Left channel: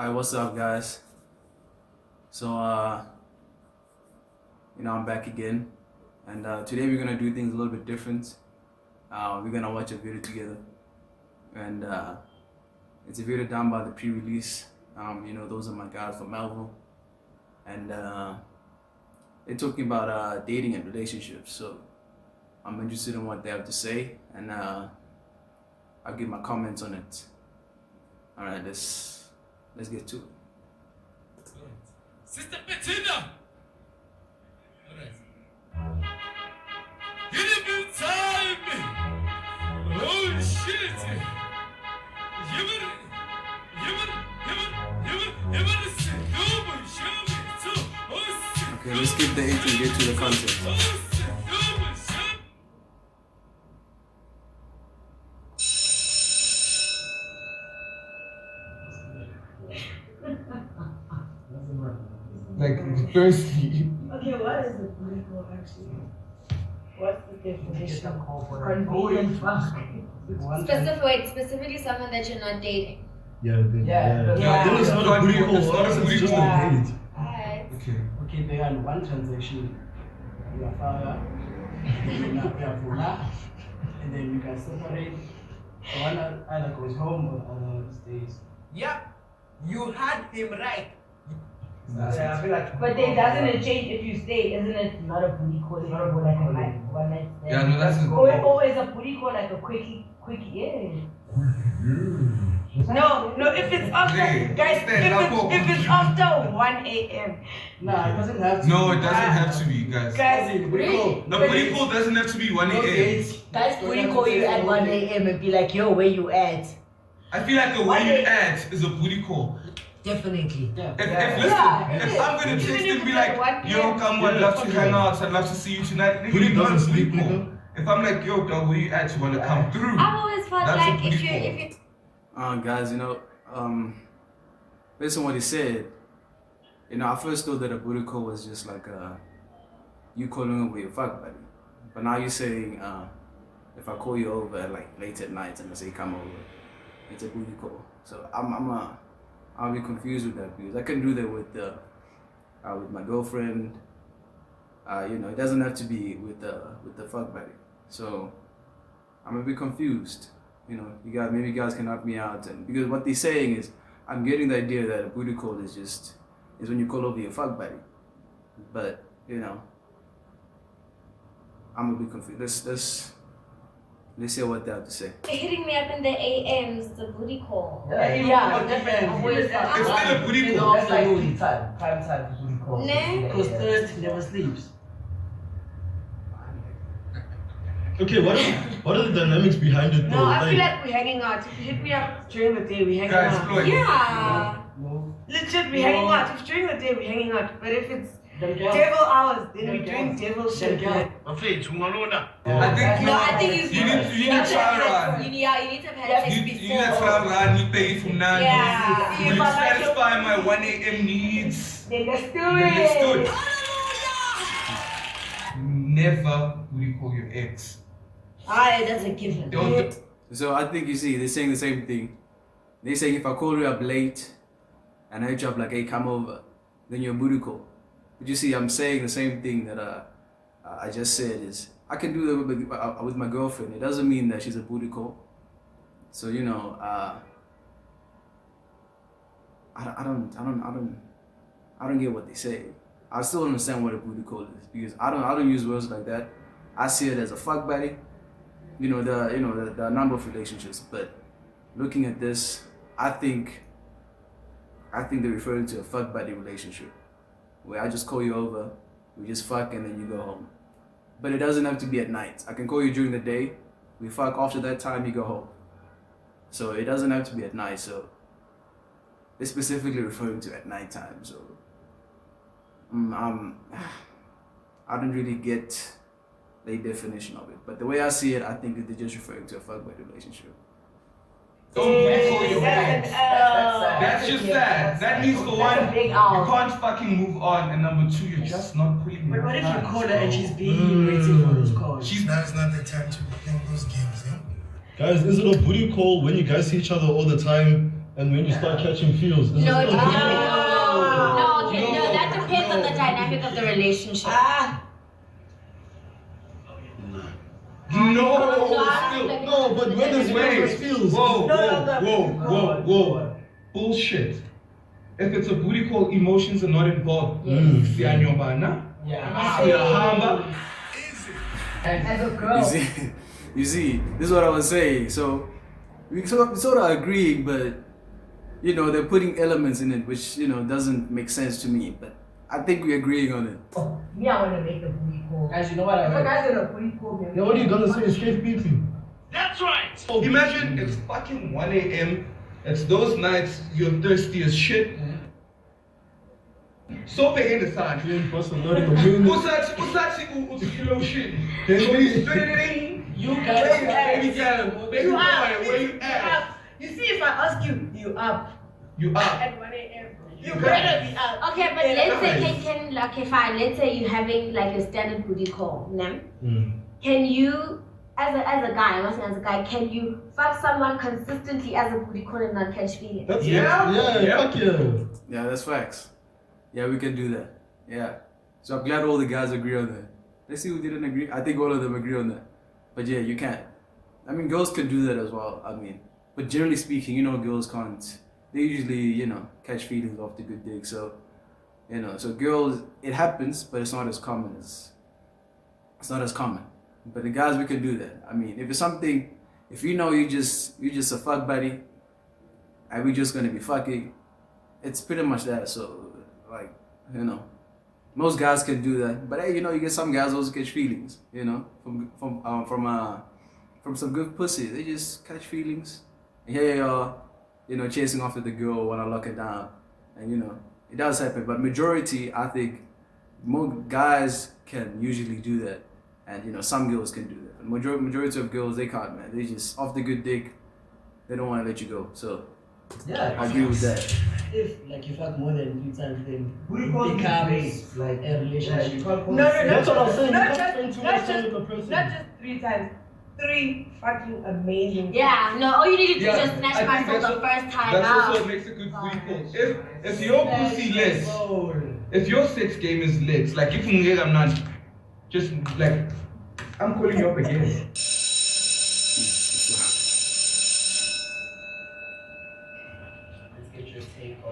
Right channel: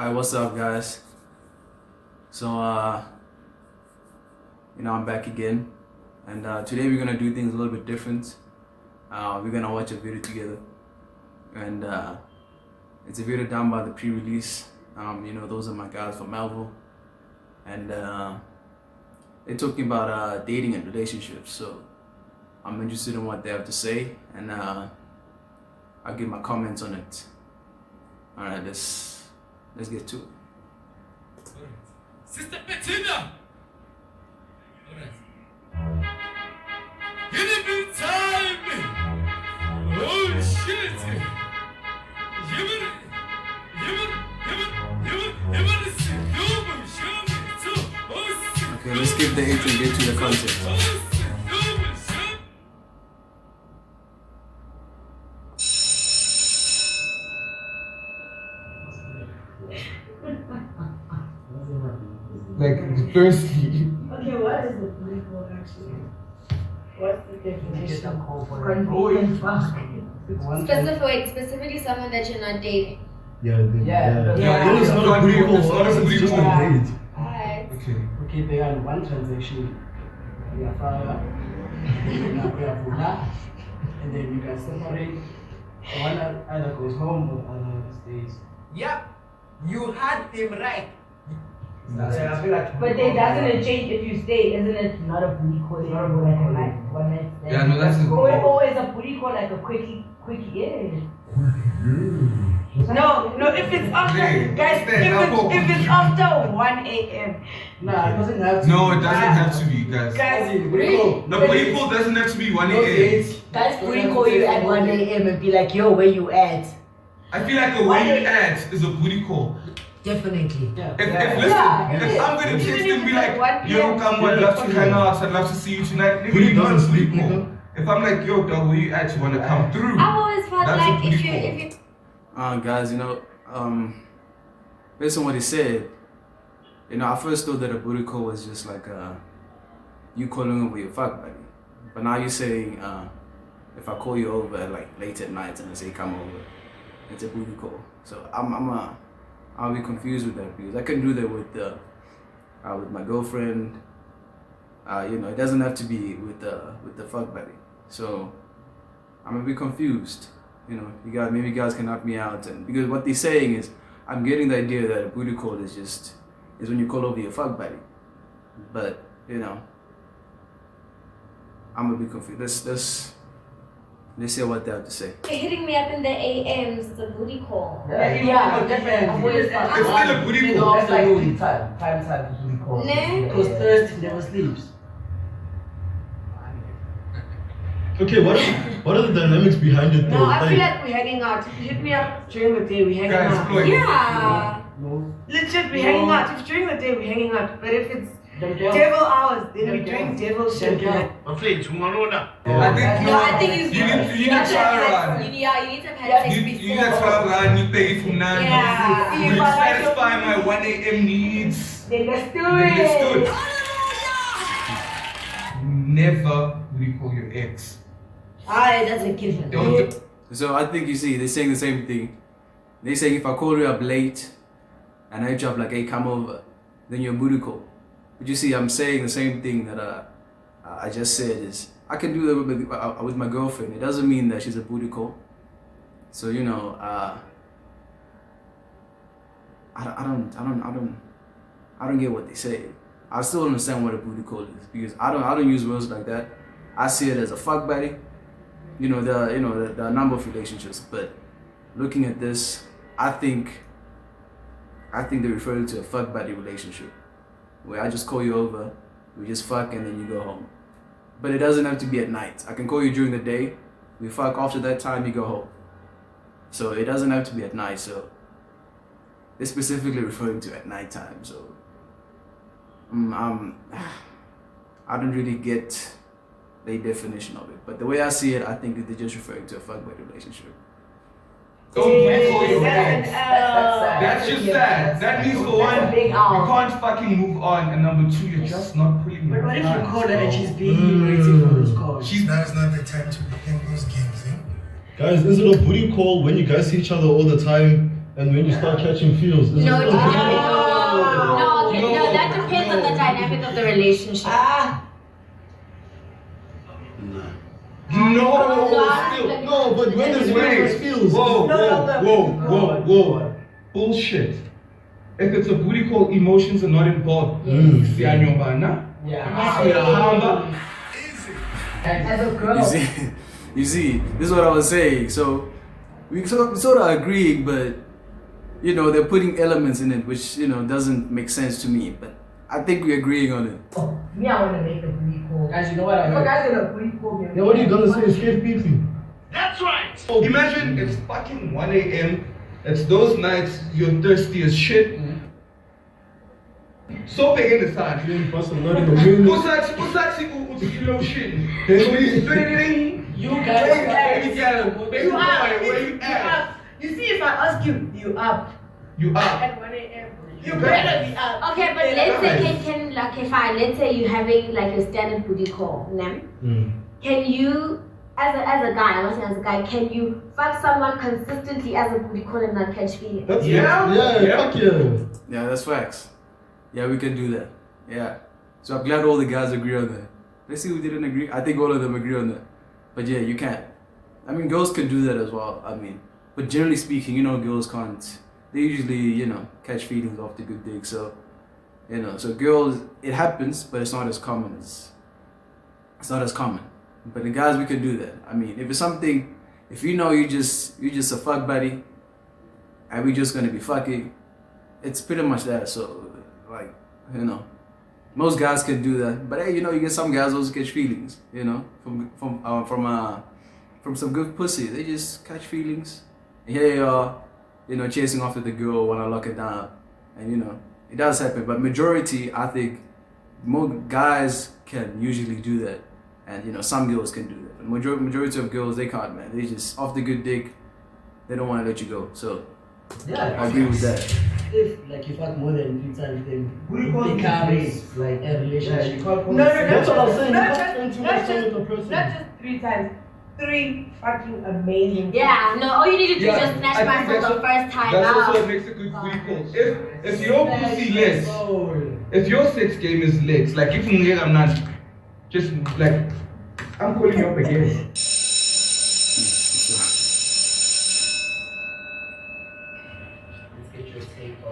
Hi, what's up, guys? So, I'm back again, and today we're gonna do things a little bit different. We're gonna watch a video together, and it's a video done by the Pre Release. Those are my guys from Melville, and they're talking about dating and relationships. So, I'm interested in what they have to say, and I'll give my comments on it. All right, let's get to it. Sister Bettina! Get a bit time! Oh shit! Okay, let's skip the intro and get to the content. Like, firstly. Okay, what is the political actually? What's the definition? Convenient fuck. Specifically someone that you're not dating. Then it's not a booty call. It's not a booty call. Alright. Okay, they are one transaction. You are fire, and then you can separate. One either goes home or other stays. Yeah, you had him right. But then doesn't it change if you stay? Isn't it not a booty call? It's not a one night stand. Yeah, no, that's always a booty call, like a quickie, yeah. No, if it's after, guys, if it's after 1 a.m. Nah, it doesn't have to. No, it doesn't have to be, guys. Really? The booty call doesn't have to be 1 a.m. Guys, booty call you at 1 a.m. and be like, yo, where you at? I feel like the way you act is a booty call. Definitely. Yeah. If I'm going to text and be like, yo, come, I'd love to hang out, I'd love to see you tonight. Booty doesn't sleep call. If I'm like, yo, dog, where you at? You want to come through? I've always felt That's like a if booty you Guys, based on what he said, I first thought that a booty call was just like you calling over your fuck buddy. But now you're saying if I call you over like late at night and I say come over, it's a booty call. So I'll be confused with that because I can do that with my girlfriend. It doesn't have to be with the fuck buddy. So I'm a bit confused. Maybe you guys can help me out, and because what they're saying is, I'm getting the idea that a booty call is when you call over your fuck buddy, but I'm a bit confused. Let's hear what they have to say. hitting me up in the AMs, the booty call. Yeah, definitely. It's still a booty call. That's like booty time. Time booty call. Because Thursday never sleeps. Okay, what are the dynamics behind it though? No, I feel like we're hanging out. If you hit me up during the day, we're hanging out. Guys, Yeah. No. Legit, we're hanging out. If during the day, we're hanging out. But if it's devil hours, then we're doing devil shit. Like, I think I think you need to try around. You need to have had sex You need to before. try around. You pay from now. Yeah. You satisfy my 1 a.m. needs. then let's do Understood. it. Never booty call your ex. That's a given. Don't. So I think they're saying the same thing. They're saying if I call you up late and I hit you up like, hey, come over, then you're a booty call. But you see, I'm saying the same thing that I just said is I can do that with my girlfriend. It doesn't mean that she's a booty call. So I don't get what they say. I still don't understand what a booty call is because I don't use words like that. I see it as a fuck buddy. There are a number of relationships, but looking at this, I think they're referring to a fuck buddy relationship where I just call you over, we just fuck, and then you go home. But it doesn't have to be at night. I can call you during the day, we fuck, after that time you go home. So it doesn't have to be at night. So they're specifically referring to at night time. So I don't really get the definition of it, but the way I see it, I think that they're just referring to a fuck buddy relationship. Don't call your That's ex. an That's just sad. That means for one, you can't fucking move on, and number two, you're just not putting But what if you front, call her bro. and she's being waiting for those calls? Now's not the time to be playing those games, eh? Guys, is it a booty call when you guys see each other all the time And when you start catching feels, is it No, still no, booty no, call? no, that depends on the dynamic of the relationship. No, but when there's feels. Whoa. Bullshit. If it's a booty call, emotions are not involved. As a girl. You see, this is what I was saying. So we sort of agreeing, but you know they're putting elements in it which doesn't make sense to me. But I think we're agreeing on it. Me, I want to make the booty call. Guys, you know what I If a heard? guy's gonna booty call me. Then what are you gonna say? Escape beating. That's right. Imagine it's fucking 1 a.m. It's those nights you're thirsty as shit. So big in the side. Usachi kilo shit. You guys, Baby boy, where you at? You see, if I ask you, you up. You up. At 1 a.m. You better be up. Okay, but let's say okay, fine. Let's say you're having like a standard booty call, ne? Can you, as a guy, I'm asking as a guy, can you fuck someone consistently as a booty call and not catch feelings? Fuck yeah. Yeah, that's facts. Yeah, we can do that. Yeah. So I'm glad all the guys agree on that. Let's see who didn't agree. I think all of them agree on that. But yeah, you can't. I mean, girls can do that as well. I mean, but generally speaking, girls can't. They usually, catch feelings off the good dick. So, so girls, it happens, but it's not as common it's not as common. But the guys, we can do that. I mean, if it's something, if you just a fuck buddy, and we just gonna be fucking, it's pretty much that. So, like, most guys can do that. But hey, you get some guys also catch feelings, from some good pussy. They just catch feelings. And here you are, chasing after the girl, wanna lock it down. And it does happen. But majority, I think, more guys can usually do that. And some girls can do that. But majority of girls, they can't, man. They just off the good dick, they don't wanna let you go. So yeah, I agree with that. If you fuck more than 3 times, then it becomes like a relationship. No, That's what I'm saying. Not You can't spend too just, much time with the person. not just 3 times. 3 fucking amazing. Yeah, no, all you need to do is Yeah, just snatch I my think for that's the first time That's out. also what makes a good booty call. If your pussy lit, if your sex game is lit, like if I'm not just like I'm calling you up again. Let's get your take on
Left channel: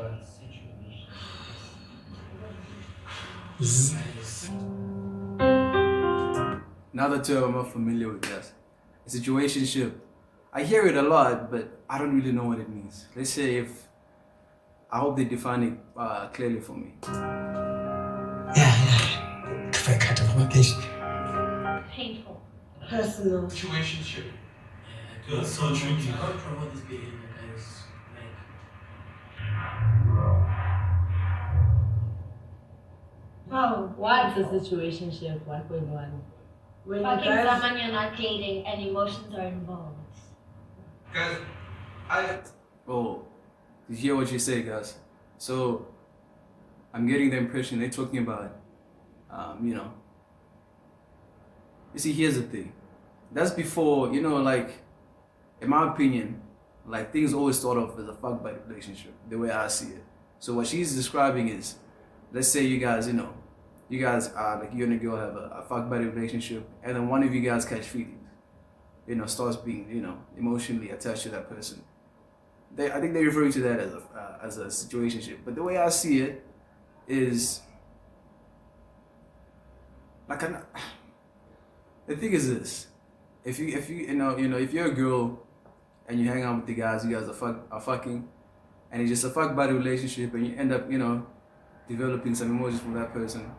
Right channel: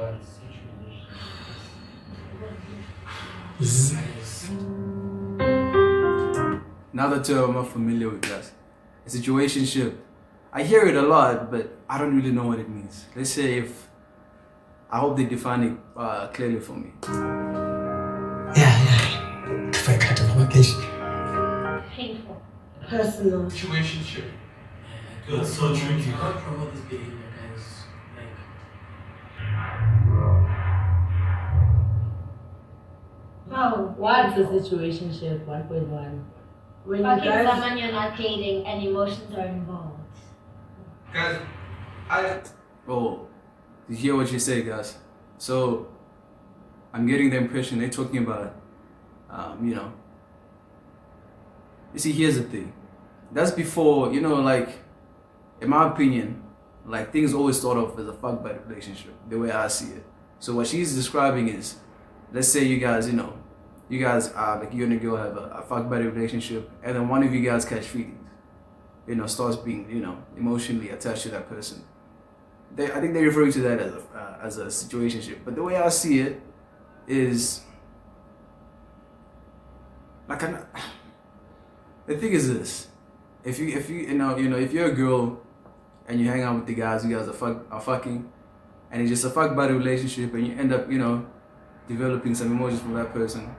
Another term I'm not familiar with, guys. A situationship. I hear it a lot, but I don't really know what it means. Let's say I hope they define it clearly for me. If I cut off my case. Painful. Personal. Situationship. That's so tricky. You can't promote this behavior, guys. Oh, what's a situationship? 1.1. When you Fucking guys, someone you're not dating and emotions are involved. Guys, Oh, did you hear what you say, guys? So, I'm getting the impression they're talking about, you see, here's the thing. That's before, like, in my opinion, like, things always start off as a fuck buddy relationship, the way I see it. So what she's describing is, let's say you guys, like you and a girl have a fuck buddy relationship, and then one of you guys catch feelings, starts being, emotionally attached to that person. I think they're referring to that as a situationship. But the way I see it is, like, the thing is this: if you're a girl and you hang out with the guys, you guys are fucking, and it's just a fuck buddy relationship, and you end up, developing some emotions from that person.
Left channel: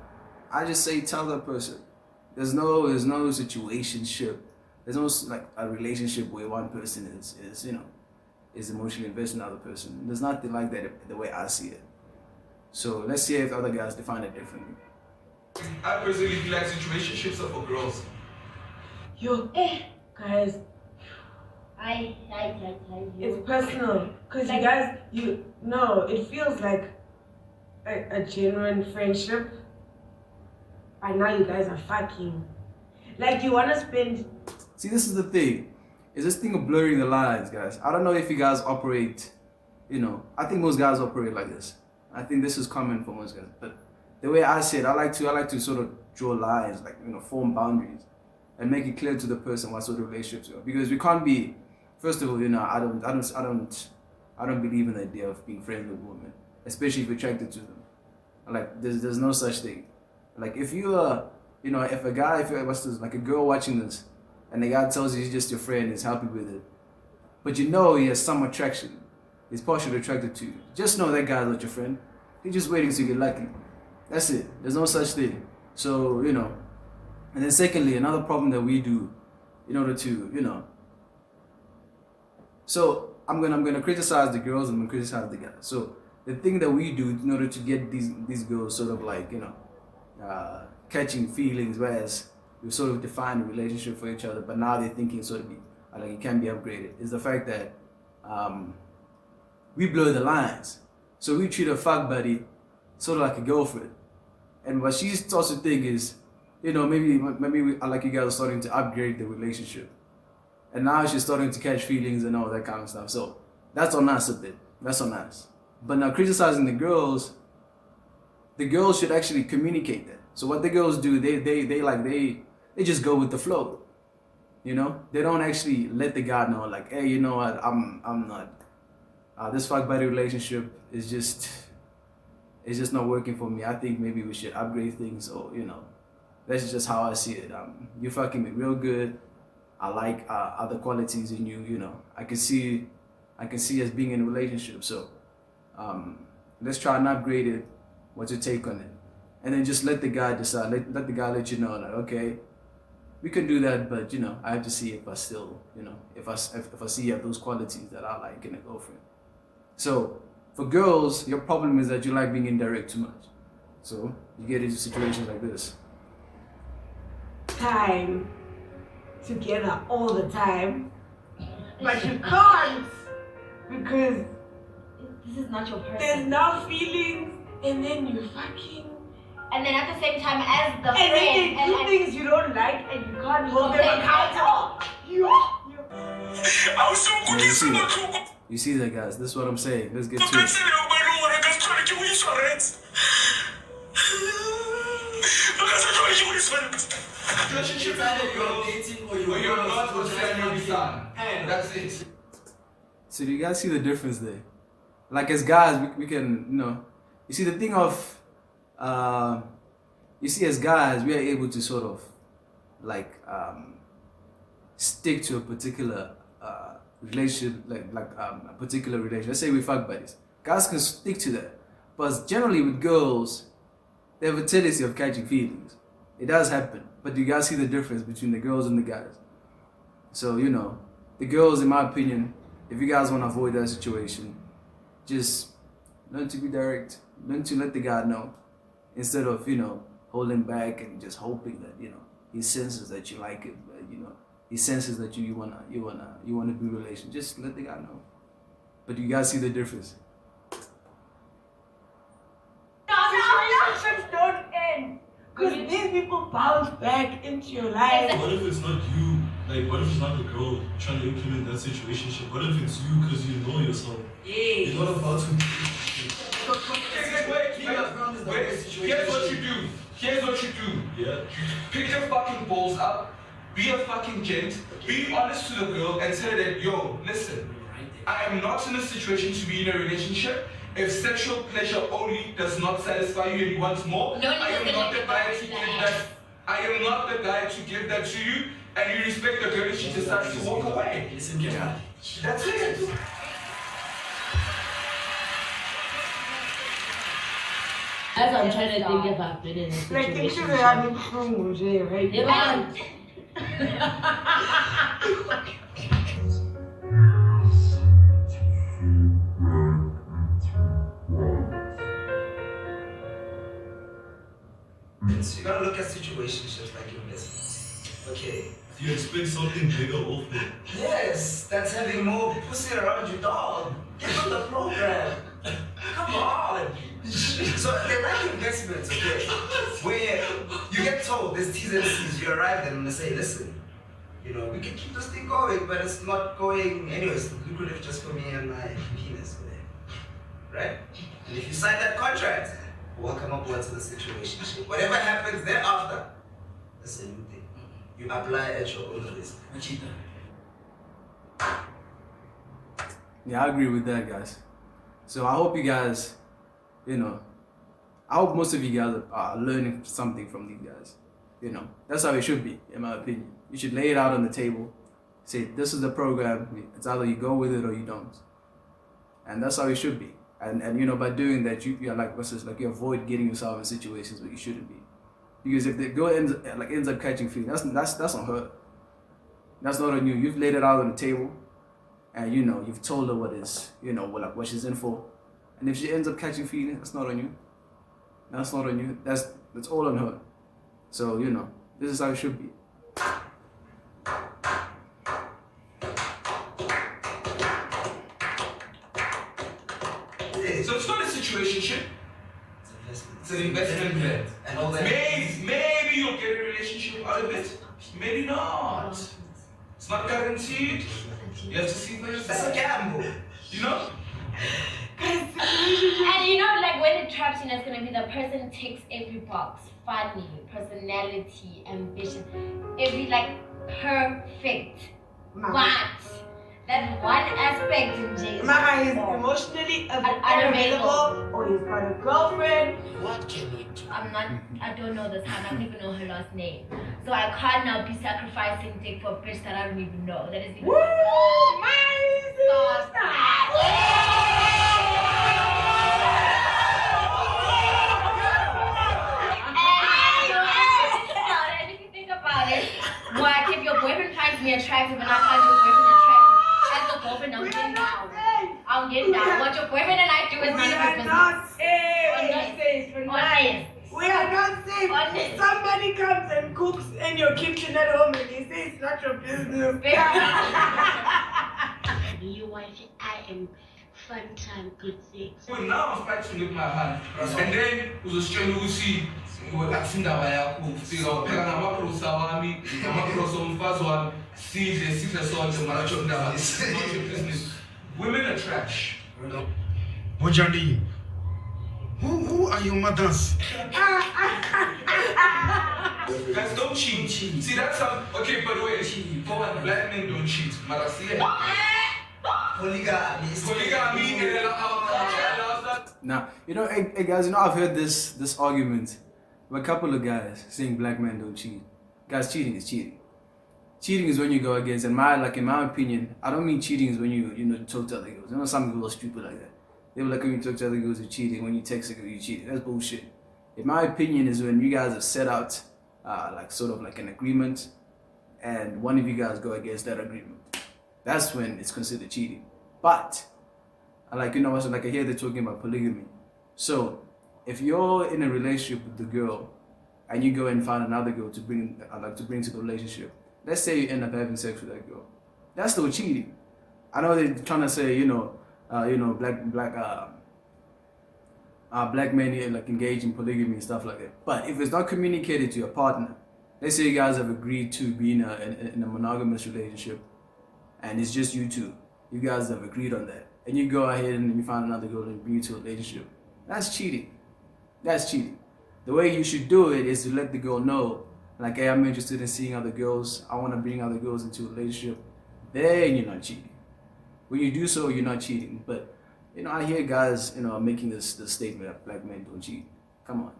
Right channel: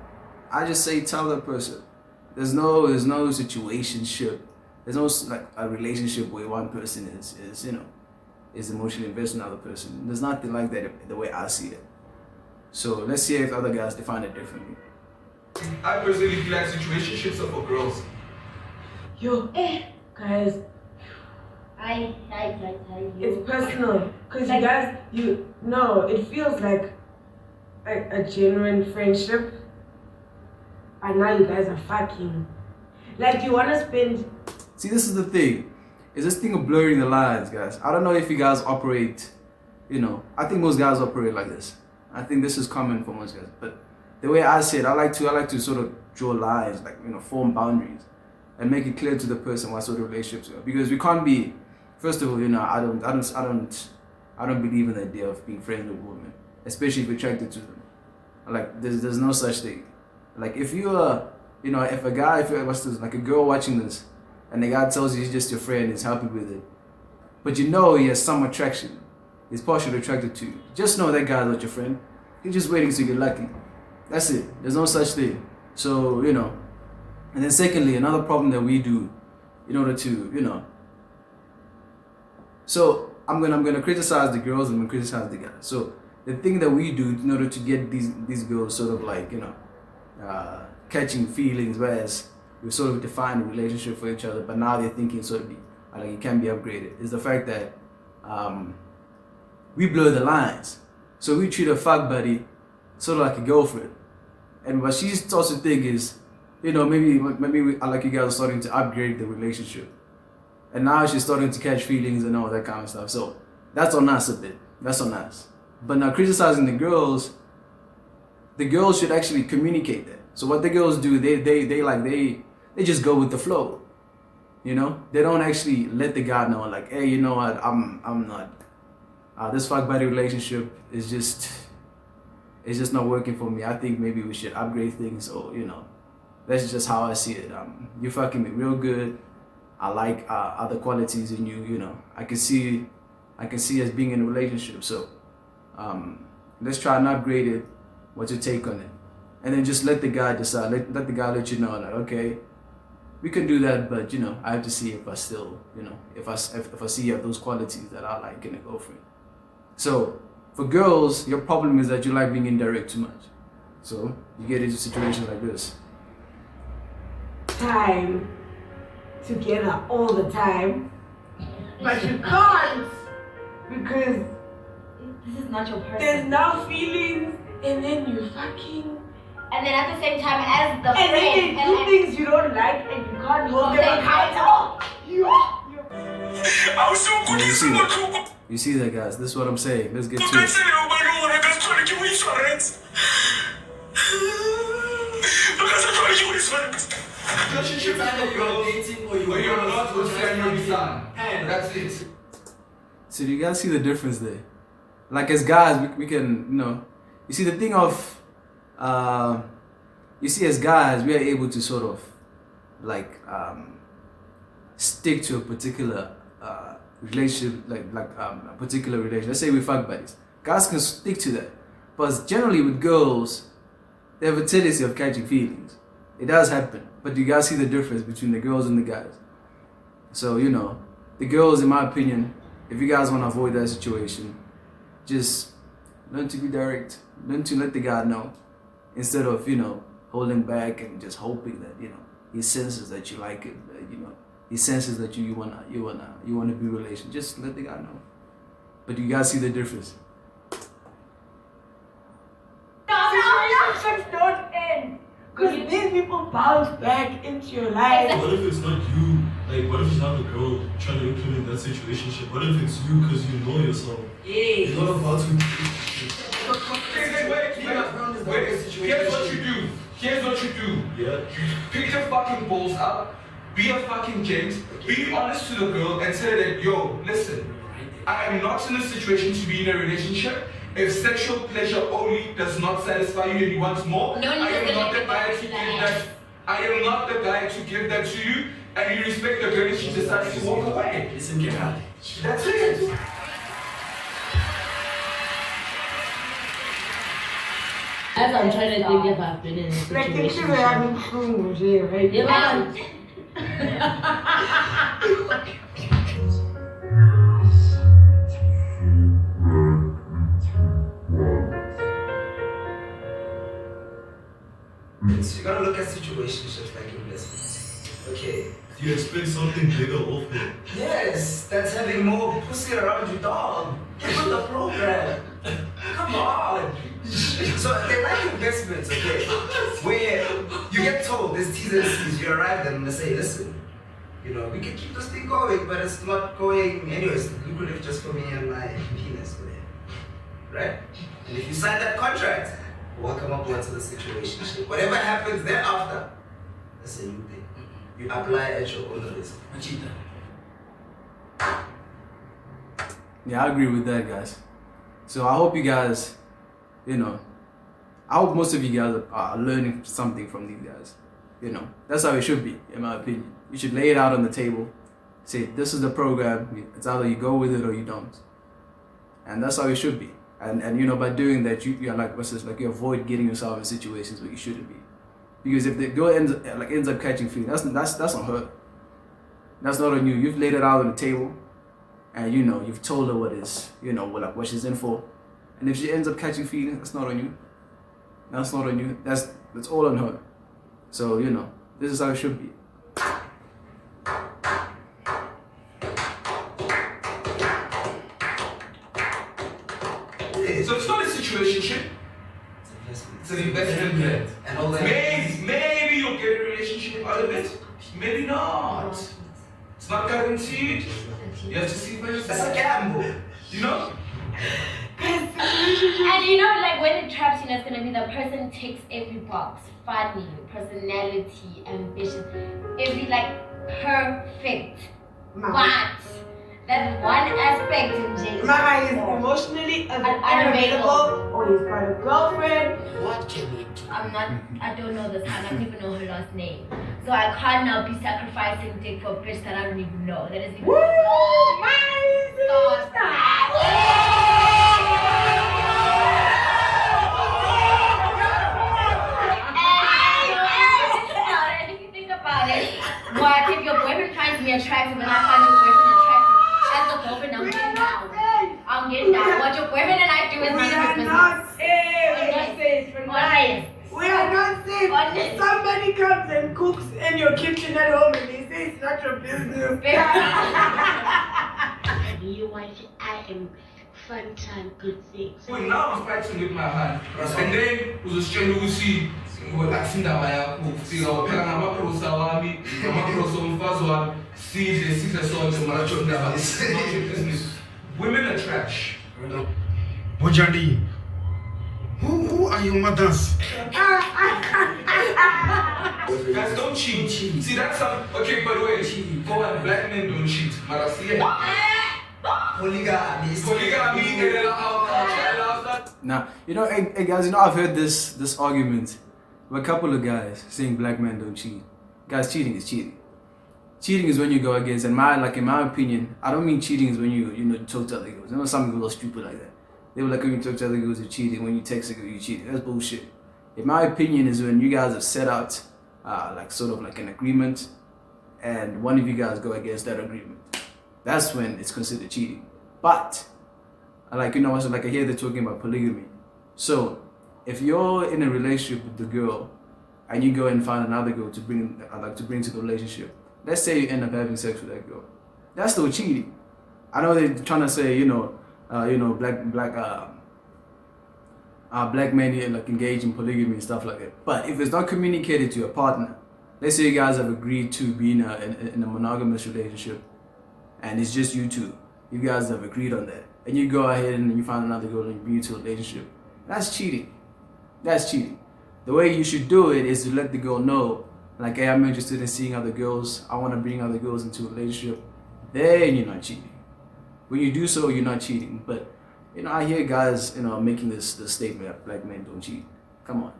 I just say tell that person. There's no situationship. There's no like a relationship where one person is emotionally invested in the other person. There's nothing like that the way I see it. So let's see if other guys define it differently. I personally feel like situationships are for girls. guys, it's personal. Because you guys, it feels like a genuine friendship. And now you guys are fucking. Like you want to spend. See, this is the thing. Is this thing of blurring the lines, guys. I don't know if you guys operate I think most guys operate like this. I think this is common for most guys. But the way I see it, I like to sort of draw lines, like, form boundaries and make it clear to the person what sort of relationships we are. Because we can't be, first of all, I don't believe in the idea of being friends with women, especially if you're attracted to them. Like, there's no such thing. Like, if you are, if like a girl watching this, and the guy tells you he's just your friend, he's happy with it, but he has some attraction, he's partially attracted to you, just know that guy's not your friend. He's just waiting to get lucky. That's it. There's no such thing. So, and then secondly, another problem that we do in order to, so I'm gonna criticize the girls and I'm gonna criticize the guys. So the thing that we do in order to get these girls sort of like, catching feelings, whereas we've sort of defined a relationship for each other, but now they're thinking sort of like it can be upgraded, is the fact that we blur the lines. So we treat a fuck buddy sort of like a girlfriend. And what she starts to think is, maybe like you guys are starting to upgrade the relationship. And now she's starting to catch feelings and all that kind of stuff. So that's on us a bit. That's on us. But now criticizing the girls should actually communicate that. So what the girls do, they just go with the flow. They don't actually let the guy know, like, hey, you know what, I'm not. This fuck buddy relationship is just not working for me. I think maybe we should upgrade things, or that's just how I see it. You fucking me real good. I like other qualities in you. I can see us being in a relationship. So let's try and upgrade it. What's your take on it? And then just let the guy decide. Let the guy let you know, like, okay, we can do that, but I have to see if I still, if I see you have those qualities that I like in a girlfriend. So for girls, your problem is that you like being indirect too much. So you get into situations like this. Time together all the time, but you can't because This is not your person. there's now feelings, and then you fucking, And then at the same time, as the and then friend, they do things you don't like, and you can't hold them accountable. You see that, guys? This is what I'm saying. Let's get to it. Relationship either you're dating or you're not, or you're done. That's it. So do you guys see the difference there? Like, as guys, we can, you see the thing of, as guys, we are able to sort of like stick to a particular relationship, like a particular relationship. Let's say we fuck buddies. Guys can stick to that. But generally with girls, they have a tendency of catching feelings. It does happen. But you guys see the difference between the girls and the guys. So, the girls, in my opinion, if you guys want to avoid that situation, just learn to be direct. Learn to let the guy know. Instead of, holding back and just hoping that, he senses that you like it, that, he senses that you wanna be in a relation. Just let the guy know. But you guys see the difference. Relationships don't end because these people bounce back into your life. What if it's not you? Like, what if it's not the girl trying to implement that situationship? What if it's you because you know yourself? It's not about to. Here's what you do. Yeah. Pick your fucking balls up. Be a fucking gent. Be honest to the girl and say that, yo, listen, I am not in a situation to be in a relationship. If sexual pleasure only does not satisfy you and you want more, I am not the guy to give that. I am not the guy to give that to you, and you respect the girl if she decides to walk away. Listen, yeah. That's it. As I'm trying to think if I've been in a Like, if situation. you were having fun, right? Yeah, man. You gotta look at situationships like investments. Okay. You expect something bigger off it. Yes, that's having more pussy around you, dog. Get on the program. Come on. So they like investments, okay? Where you get told there's T's and C's, you arrive and they say, listen, we can keep this thing going, but it's not going anyway. It's lucrative just for me and my penis. right? And if you sign that contract, welcome aboard to the situationship. Whatever happens thereafter, that's a you thing. You apply at your own risk. Yeah, I agree with that, guys. So I hope you guys, I hope most of you guys are learning something from these guys. That's how it should be, in my opinion. You should lay it out on the table. Say, this is the program. It's either you go with it or you don't. And that's how it should be. And by doing that, you're like, you avoid getting yourself in situations where you shouldn't be. Because if the girl ends up catching feelings, that's on her. That's not on you. You've laid it out on the table, and you've told her what she's in for. And if she ends up catching feelings, that's not on you. That's not on you. That's all on her. So this is how it should be. So it's not a situationship. It's an investment plan. And all that. Maybe you'll get a relationship out of it. Maybe not. It's not guaranteed. You have to see for yourself. That's a gamble. And when it traps, it's gonna be the person ticks every box. Funny, personality, ambition, every perfect. What? That one aspect in Jason. Mara is emotionally unavailable, or he's got a girlfriend. What can we do? I don't know this. I don't even know her last name. So I can't now be sacrificing dick for a bitch that I don't even know. That is even. Woo! My sister! What if your boyfriend finds me attractive and I find your boyfriend attractive? That's the girlfriend I'm getting down. I'm getting down. What your boyfriend and I do is none of your business. Honest. We are not safe. Honest. Somebody comes and cooks in your kitchen at home and they say it's not your business. You want I am fun time, good sex. Well, now I'm fighting with my hand. And then uzositshela ukuthi asindawo yakho ufika upheka ngamaprosa wami ngamaprosa omfazi wami sidle sonke manje ndaba it's not your business. Women are trash. Bojandi, who are your mothers? Guys, don't cheat. See, that's some. Okay, by the way, go on, black men don't cheat. Marasiya. Polygamy. Now, hey guys, I've heard this argument with a couple of guys saying black men don't cheat. Guys, cheating is cheating. Cheating is when you go against, in my opinion, I don't mean cheating is when you talk to other girls. Some people are stupid like that. They were like, when you talk to other girls, you're cheating. When you text a girl, you're cheating. That's bullshit. In my opinion, is when you guys have set out sort of like an agreement, and one of you guys go against that agreement. That's when it's considered cheating. But I hear they're talking about polygamy. So if you're in a relationship with the girl and you go and find another girl to bring to the relationship, let's say you end up having sex with that girl, that's still cheating. I know they're trying to say black men engage in polygamy and stuff like that. But if it's not communicated to your partner, let's say you guys have agreed to be in a monogamous relationship, and it's just you two. You guys have agreed on that. And you go ahead and you find another girl and you bring you to a relationship. That's cheating. That's cheating. The way you should do it is to let the girl know, hey, I'm interested in seeing other girls. I want to bring other girls into a relationship. Then you're not cheating. When you do so, you're not cheating. But, I hear guys, making this statement that black men don't cheat. Come on.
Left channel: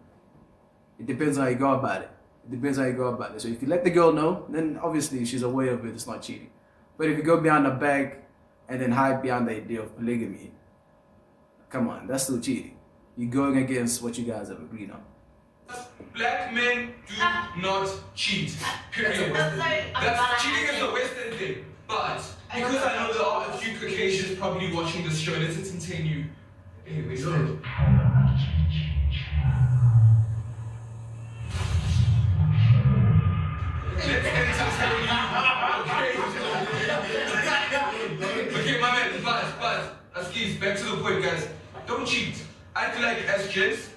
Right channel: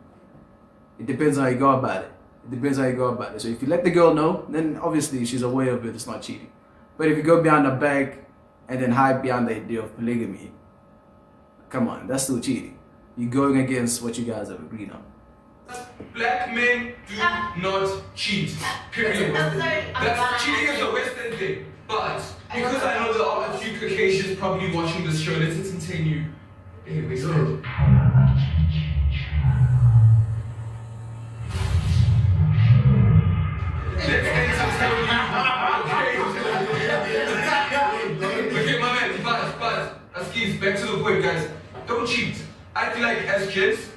It depends on how you go about it. So if you let the girl know, then obviously she's aware of it. It's not cheating. But if you go behind the back and then hide behind the idea of polygamy, come on, that's still cheating. You're going against what you guys have agreed on. Black men do not cheat. Period. That's cheating is a Western thing. But because I know there are a few Caucasians probably watching this show, let's entertain you. Anyway, so. Okay, my man, but back to the point, guys. Don't cheat. I feel like as gents,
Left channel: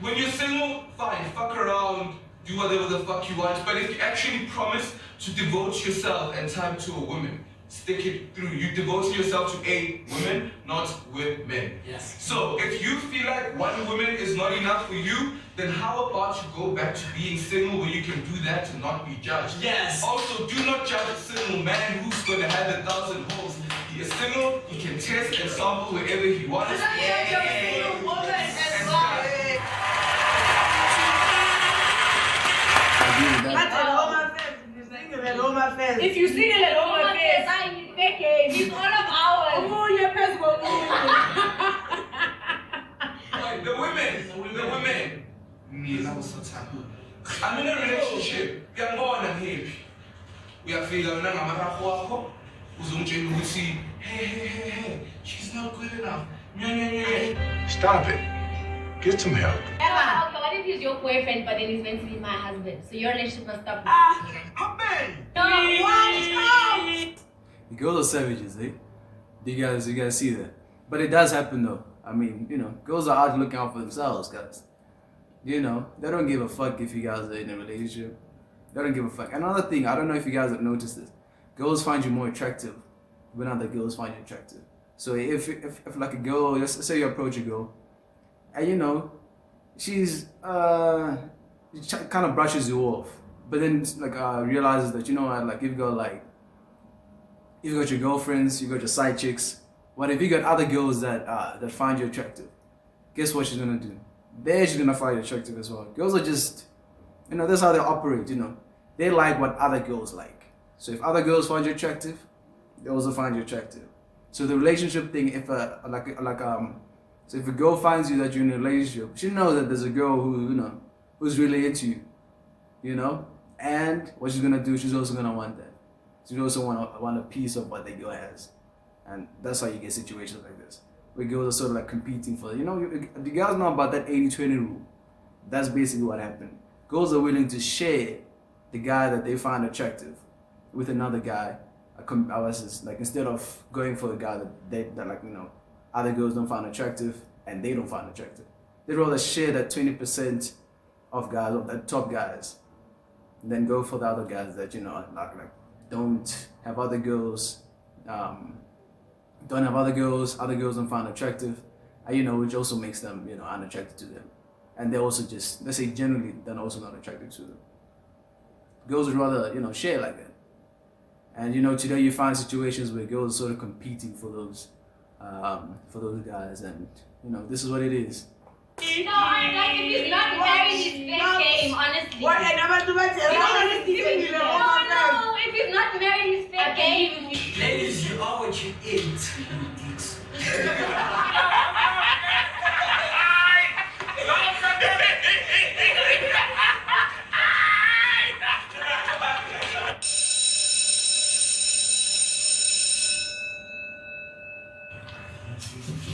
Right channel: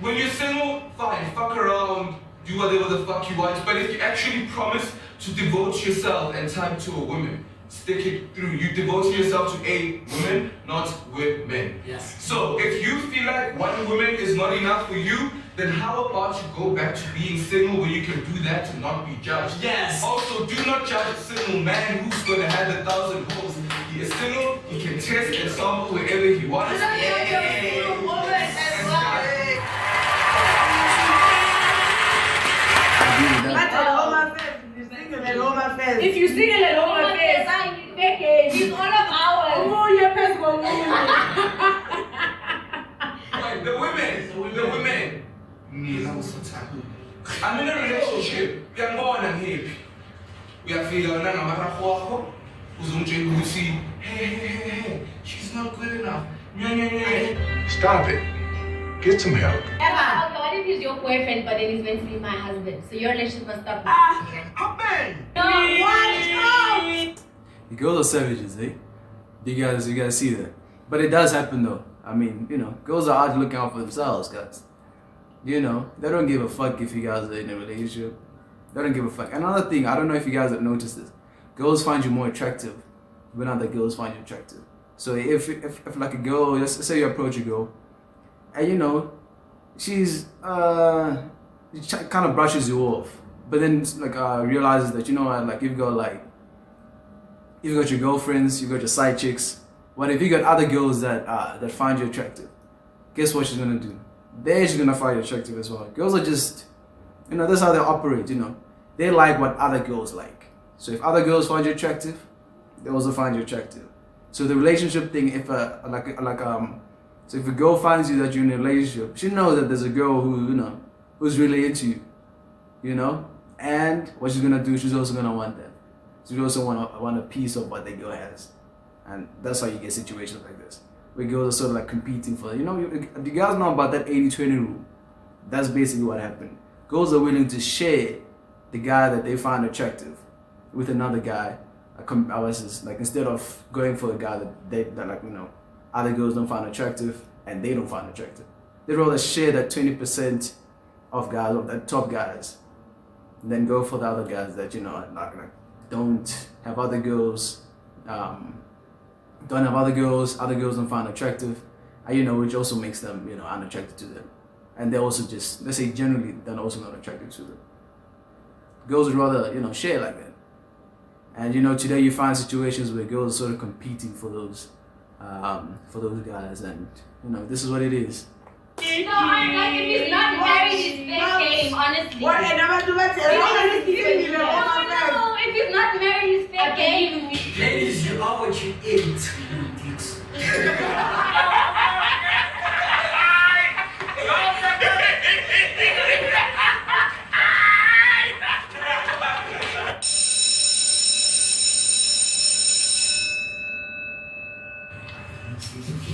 when you're single, fine, fuck around, do whatever the fuck you want. But if you actually promise to devote yourself and time to a woman, stick it through. You devote yourself to a woman, not women. Yes. So if you feel like one woman is not enough for you, then how about you go back to being single where you can do that to not be judged? Yes. Also, do not judge a single man who's going to have 1,000 hoes. He is single, he can test and sample wherever he wants. If you single at home affairs, he's all of ours. Oh, your best one. The women. I'm in a relationship. You're more than him. We are figuring out hey, she's not good enough. Stop it. Get some help. Emma, okay, what if he's your boyfriend but then he's meant to be my husband? So your relationship must stop. The girls are savages, eh? You guys see that. But it does happen though. I mean, you know, girls are out looking out for themselves, guys. You know, they don't give a fuck if you guys are in a relationship. They don't give a fuck. Another thing, I don't know if you guys have noticed this. Girls find you more attractive when other girls find you attractive. So if like a girl, let's say you approach a girl, and you know, she's kind of brushes you off, but then like realizes that, you know what, like you've got your girlfriends, you've got your side chicks. What if you got other girls that find you attractive? Guess what she's gonna do? She's gonna find you attractive as well. Girls are just, you know, that's how they operate. You know, they like what other girls like. So if other girls find you attractive, they also find you attractive. So the relationship thing, so if a girl finds you that you're in a relationship, she knows that there's a girl who, you know, who's really into you, you know, and what she's gonna do, she's also gonna want that. She also want a piece of what the girl has, and that's how you get situations like this, where girls are sort of like competing for, you know, you guys know about that 80-20 rule. That's basically what happened. Girls are willing to share the guy that they find attractive with another guy. Like instead of going for the guy that like, you know, other girls don't find attractive and they don't find attractive, they'd rather share that 20% of guys, of the top guys, than go for the other guys that, you know, like don't have other girls, other girls don't find attractive, and, you know, which also makes them, you know, unattracted to them, and they're also just, let's say generally, they're also not attracted to them. Girls would rather, you know, share like that. And, you know, today you find situations where girls are sort of competing for those guys, and, you know, this is what it is. No, like if he's not married, he's fair game, honestly. What? I never do that. No, if he's not married, he's fair game. Ladies, you are what you eat.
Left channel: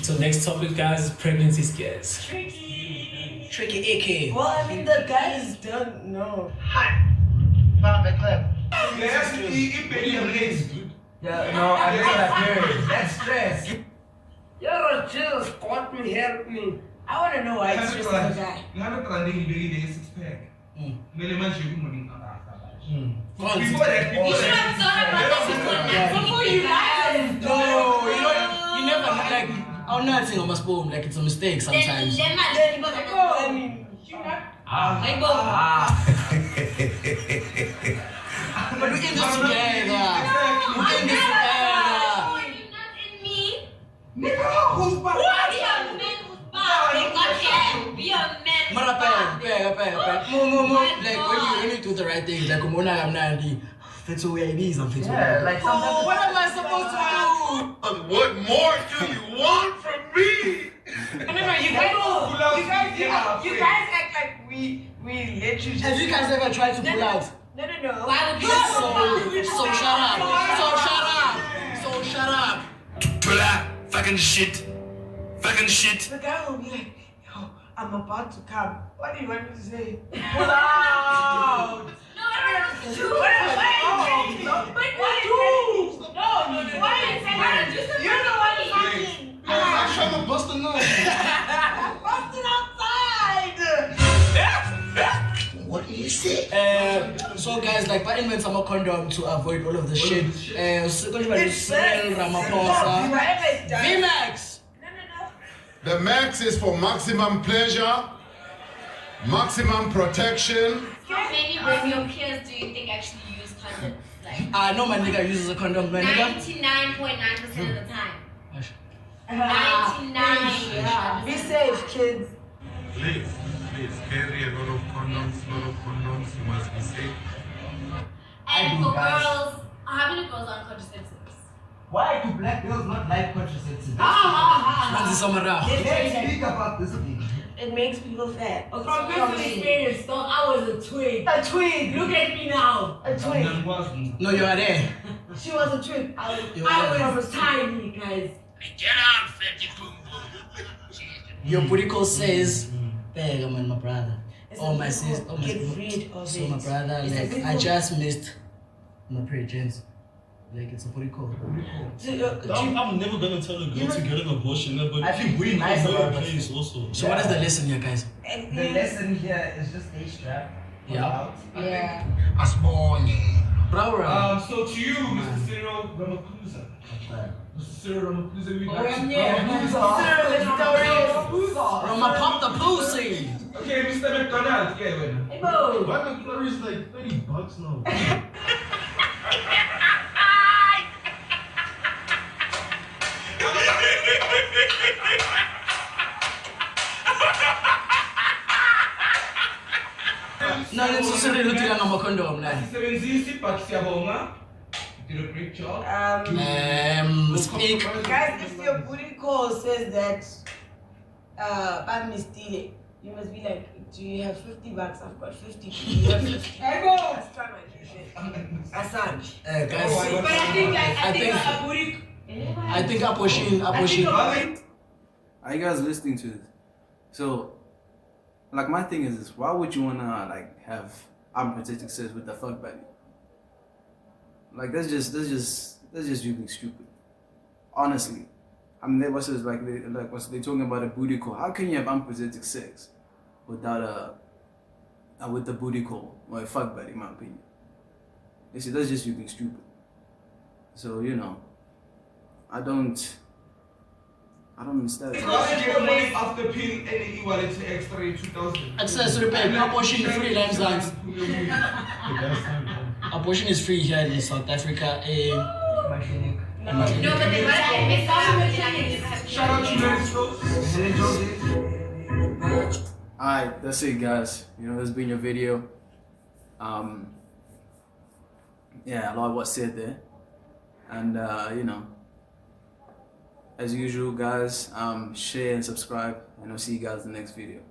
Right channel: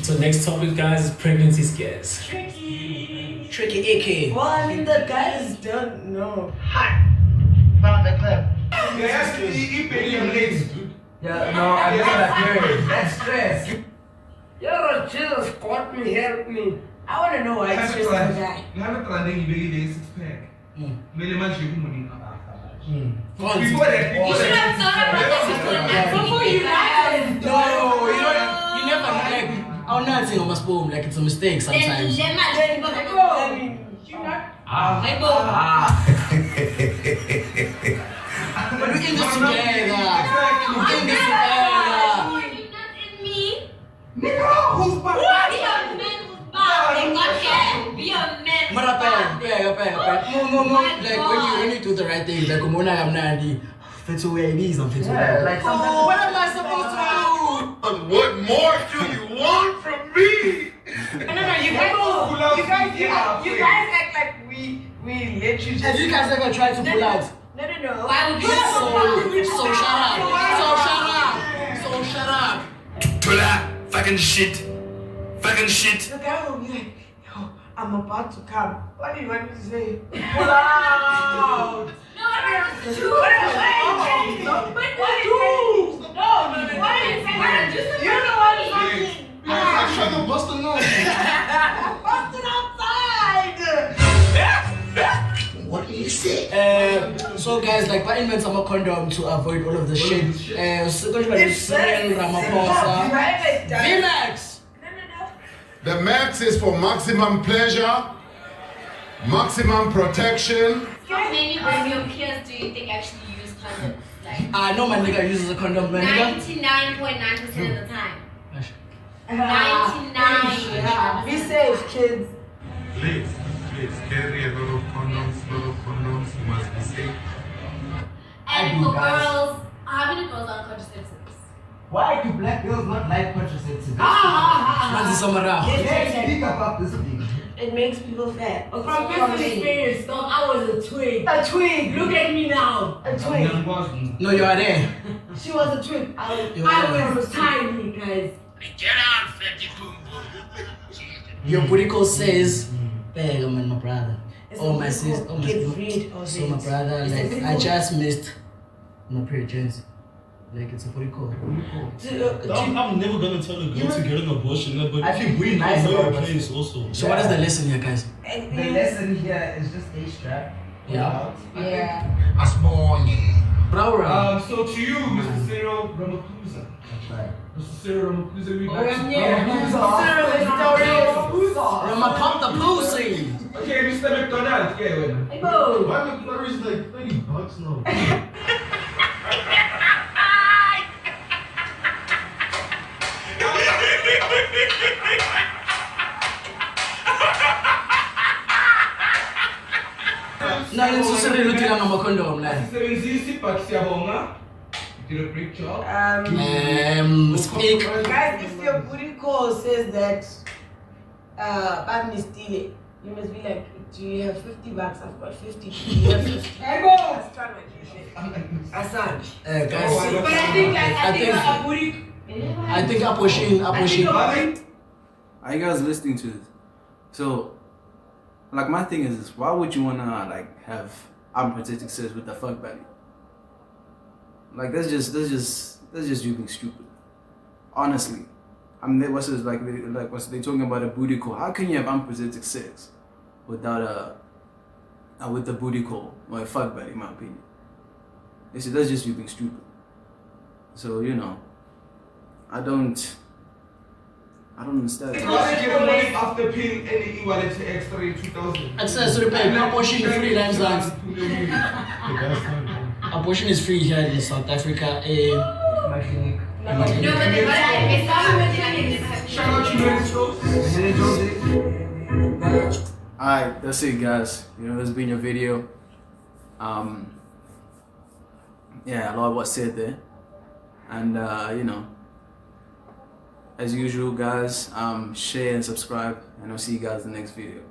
So next topic, guys, is pregnancy scares. Tricky AK. Well, I mean, the guys don't know. Found the clip. There has to be your legs, dude. Yeah, no, I never heard it. That's stress. Yo, Jesus, got me, help me. I want to know why it's just a guy. You have a planning, you really six pack. Really much you money. Before you guys. No, you never like. I'm not saying I'm a spoon, like it's a mistake sometimes. Let go. But we can just together. We can get together. Not in me. Nigga, who's back? Be a man. Be a man. No. Like when you do the right thing, like I'm not fit to wear these, I'm fit to wear. Like What am I supposed to do? What more do you want from me? No, you guys act like we let you just. Have you guys ever tried to pull out? No. Why would you So shut up. Tula, fucking shit. The guy will be like, yo, I'm about to come. What do you want me to say? Pull out! I'm trying to bust a nose. What do you say? So guys, guys, like, I invent some condom to avoid all of the shit. Cyril Ramaphosa. VMAX! The max is for maximum pleasure, maximum protection. How many of your peers do you think actually use condoms? Like, I know my nigga uses a condom, my nigga. 99.9% of the time. 99. Be safe, kids. Please carry a lot of condoms, you must be safe. And for girls, how many girls are on contraceptives? Why do black girls not like contraceptives? Let's speak about this thing. It makes people fat. From personal experience, though, I was a twig. A twig. Look at me now. A twig. No, you are there. She was a twig. I was tiny, guys. Get out, fatty boom Your booty call says, "Beg, I'm my brother." Oh my sis, oh my Get rid of so it. my brother, like I just missed my pre-gens. Like it's a booty call. I'm never gonna tell a girl to get an abortion, but I think we nice know your about place also. So what is the lesson here, guys? The lesson here is just stay strapped. Yeah. Yeah. A small. Bro, So to you, Mr. Cyril Ramaphosa. Mr. Cyril Ramaphosa, we like Ramaphosa pussy. Okay, Mr. McDonald, yeah, well. Hey, Bo. Why McFlurry is like $30 now? No, let's just say look at my condom, like. Sisebenzisi, but siyabonga. You did a great job. Speak. Guys, if your booty call says that Bagni you must be like, do you have $50? I've got 50. Do you have 50? Hey, go! Asan. Guys, But I think a booty. I think Aposhin. Are you guys listening to this? So, like, my thing is this: why would you wanna like have unprotected sex with the fuck buddy? Like, that's just you being stupid. Honestly, I mean, what's this like? What's they talking about a booty call? How can you have unprotected sex without with the booty call or a fuck buddy? In my opinion, you see, that's just you being stupid. So I don't understand. You got to get money after paying any e-wallet to extra in 2000. Access repay. Abortion is free, lands. Abortion is free here in South Africa. No, but they Shout out to Mexico. Alright, that's it, guys. That's been your video. Yeah, a lot was said there. And as usual, guys, share and subscribe, and I'll see you guys in the next video.